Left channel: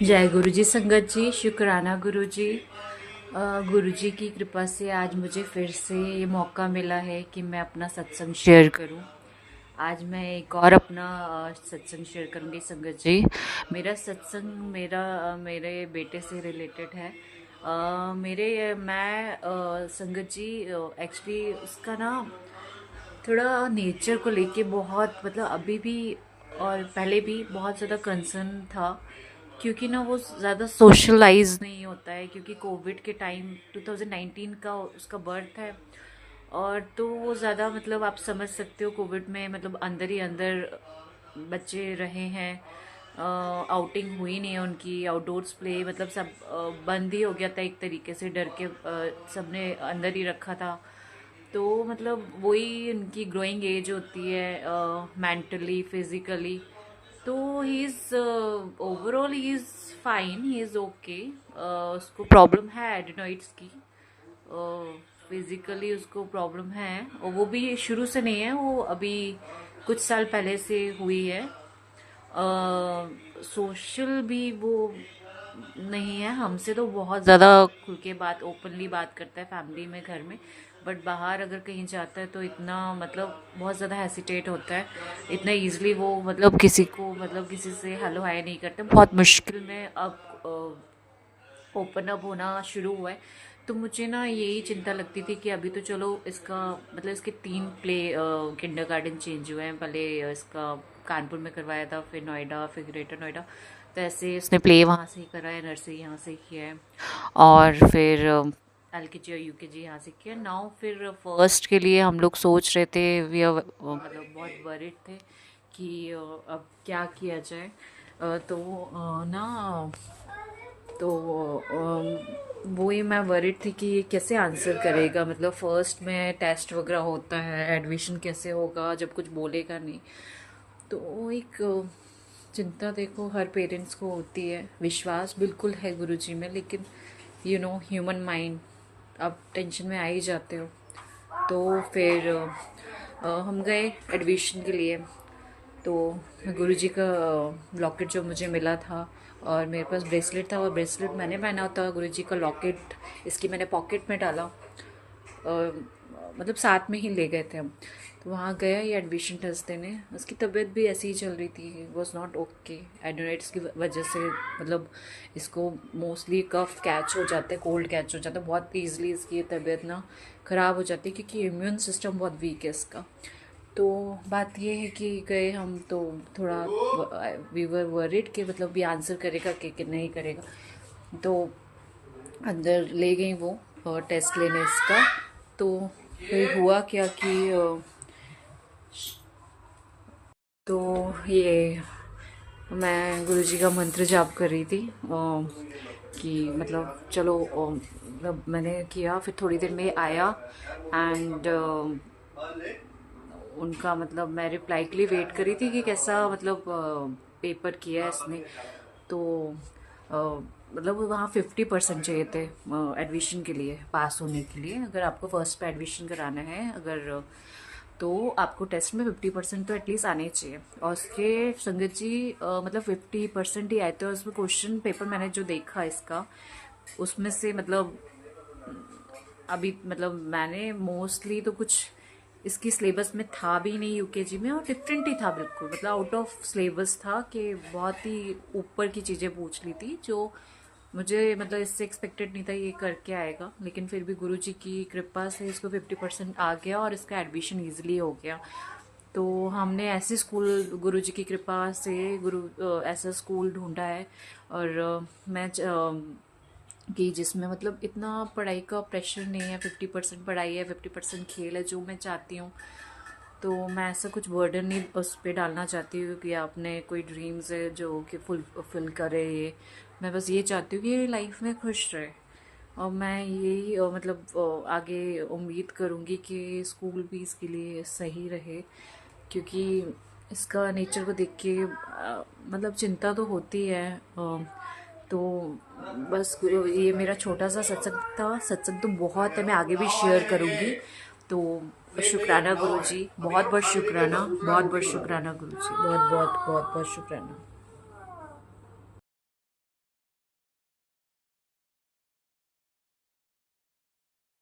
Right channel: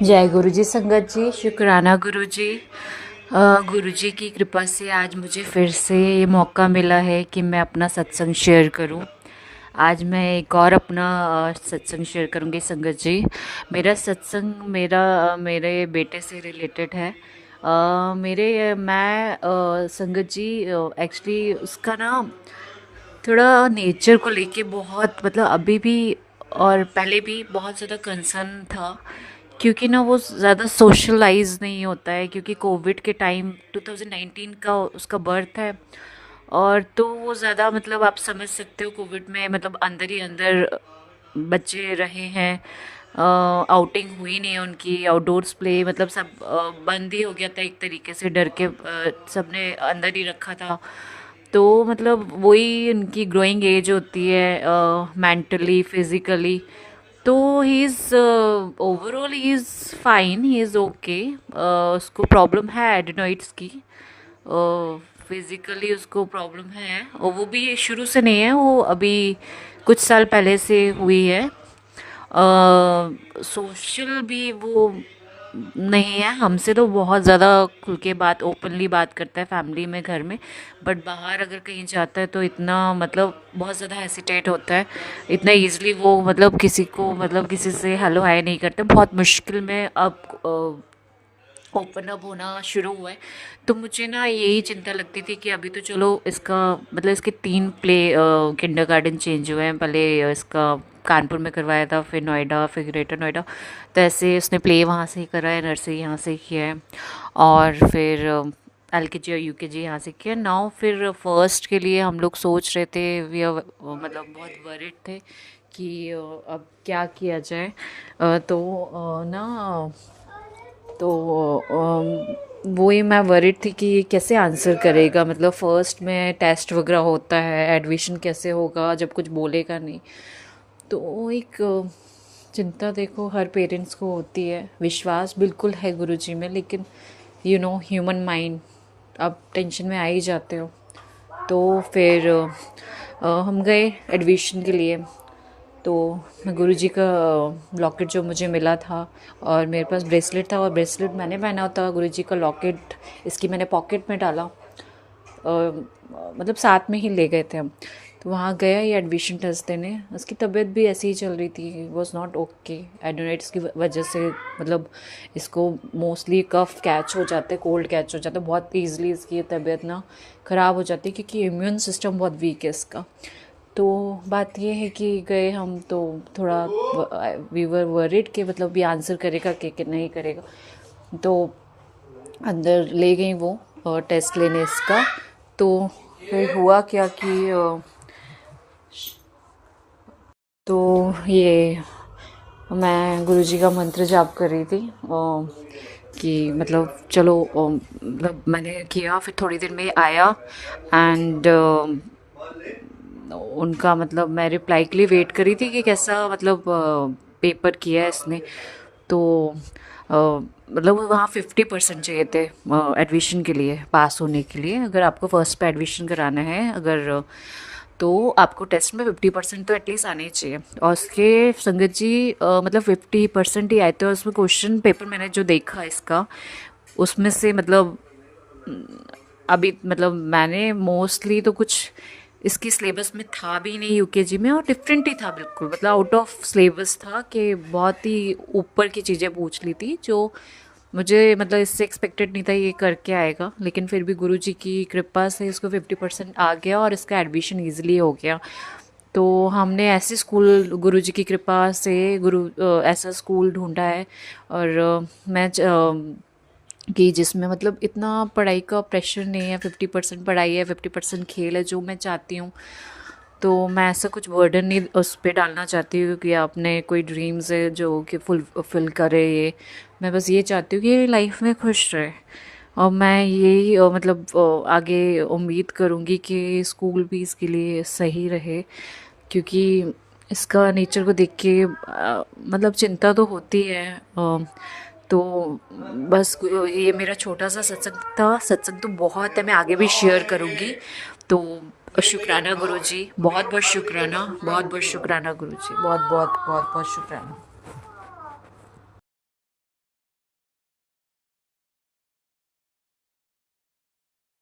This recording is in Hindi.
जय गुरु जी संगत जी, शुक्राना गुरु जी। गुरु जी की कृपा से आज मुझे फिर से ये मौका मिला है कि मैं अपना सत्संग शेयर करूं। आज मैं एक और अपना सत्संग शेयर करूंगी संगत जी। मेरा सत्संग मेरे बेटे से रिलेटेड है। संगत जी एक्चुअली उसका ना थोड़ा नेचर को लेके बहुत मतलब अभी भी और पहले भी बहुत ज़्यादा कंसर्न था, क्योंकि ना वो ज़्यादा सोशलाइज नहीं होता है, क्योंकि कोविड के टाइम 2019 का उसका बर्थ है। और तो वो ज़्यादा मतलब आप समझ सकते हो, कोविड में मतलब अंदर ही अंदर बच्चे रहे हैं। आउटिंग हुई नहीं है उनकी, आउटडोर्स प्ले मतलब सब बंद ही हो गया था एक तरीके से, डर के सबने अंदर ही रखा था। तो मतलब वही उनकी ग्रोइंग एज होती है, मेंटली फिज़िकली। तो he is overall he is fine, he is okay. उसको प्रॉब्लम है एडिनोइड्स की, फिज़िकली उसको प्रॉब्लम है, और वो भी शुरू से नहीं है, वो अभी कुछ साल पहले से हुई है। सोशल भी वो नहीं है हमसे, तो बहुत ज़्यादा खुल के बात ओपनली बात करता है फैमिली में, घर में। बट बाहर अगर कहीं जाता है तो इतना मतलब बहुत ज़्यादा हेसिटेट होता है। इतना इजीली वो मतलब किसी को मतलब किसी से हेलो हाय नहीं करते, बहुत मुश्किल में अब ओपन अप होना शुरू हुआ है। तो मुझे ना यही चिंता लगती थी कि अभी तो चलो इसका मतलब इसके 3 प्ले किंडरगार्टन चेंज हुए हैं। पहले इसका कानपुर में करवाया था, फिर नोएडा, फिर ग्रेटर नोएडा। तो ऐसे उसने प्ले वहाँ से ही करा है, नर्सरी यहाँ से ही किया है, और फिर LKG और UKG यहाँ से किया। नाउ फिर फर्स्ट के लिए हम लोग सोच रहे थे, वी मतलब बहुत वरिड थे कि अब क्या किया जाए। तो वही मैं वरिड थी कि ये कैसे आंसर करेगा, मतलब फर्स्ट में टेस्ट वगैरह होता है, एडमिशन कैसे होगा जब कुछ बोलेगा नहीं। तो एक चिंता देखो हर पेरेंट्स को होती है। विश्वास बिल्कुल है गुरुजी में, लेकिन ह्यूमन माइंड, आप टेंशन में आ ही जाते हो। तो फिर हम गए एडमिशन के लिए। तो गुरुजी का लॉकेट जो मुझे मिला था, और मेरे पास ब्रेसलेट था, और ब्रेसलेट मैंने पहना होता, गुरुजी का लॉकेट इसकी मैंने पॉकेट में डाला। मतलब साथ में ही ले गए थे हम। तो वहाँ गया ये एडमिशन टेस्ट देने, उसकी तबीयत भी ऐसी ही चल रही थी, वॉज नॉट ओके। एडोनाइट्स की वजह से मतलब इसको मोस्टली कफ कैच हो जाते, कोल्ड कैच हो जाता है बहुत ईजली, इसकी तबीयत ना ख़राब हो जाती है, क्योंकि इम्यून सिस्टम बहुत वीक है इसका। तो बात ये है कि गए हम तो थोड़ा वी वर वरिड कि मतलब ये आंसर करेगा कि नहीं करेगा। तो अंदर ले गई वो टेस्ट लेने इसका। तो फिर हुआ क्या कि तो ये मैं गुरुजी का मंत्र जाप कर रही थी, कि मतलब चलो मतलब मैंने किया, फिर थोड़ी देर में आया। एंड उनका मतलब मैं रिप्लाई के लिए वेट करी थी कि कैसा मतलब पेपर किया है इसने। तो मतलब वहाँ 50% चाहिए थे एडमिशन के लिए, पास होने के लिए। अगर आपको फर्स्ट पे एडमिशन कराना है, अगर तो आपको टेस्ट में 50% तो एटलीस्ट आने ही चाहिए। और उसके संगत जी मतलब 50% ही आए थे, और उसमें क्वेश्चन पेपर मैंने जो देखा इसका, उसमें से मतलब अभी मतलब मैंने मोस्टली तो कुछ इसकी सिलेबस में था भी नहीं UKG में, और डिफरेंट ही था बिल्कुल, मतलब आउट ऑफ सिलेबस था, कि बहुत ही ऊपर की चीज़ें पूछ ली थी जो मुझे मतलब इससे एक्सपेक्टेड नहीं था ये करके आएगा। लेकिन फिर भी गुरुजी की कृपा से इसको 50% आ गया, और इसका एडमिशन ईजिली हो गया। तो हमने ऐसे स्कूल गुरुजी की कृपा से ऐसा स्कूल ढूंढा है। और कि जिसमें मतलब इतना पढ़ाई का प्रेशर नहीं है, 50% पढ़ाई है, 50% खेल है, जो मैं चाहती हूँ। तो मैं ऐसा कुछ बर्डन नहीं उस पर डालना चाहती हूँ कि आपने कोई ड्रीम्स है जो कि फुल करे ये। मैं बस ये चाहती हूँ कि ये लाइफ में खुश रहे। और मैं यही मतलब आगे उम्मीद करूँगी कि स्कूल भी इसके लिए सही रहे, क्योंकि इसका नेचर को देख के मतलब चिंता तो होती है। तो बस ये मेरा छोटा सा सत्संग था। सत्संग तो बहुत है, मैं आगे भी शेयर करूँगी। तो शुक्राना गुरुजी, बहुत बहुत शुक्राना, बहुत बहुत शुक्राना गुरुजी, बहुत बहुत बहुत बहुत शुक्राना।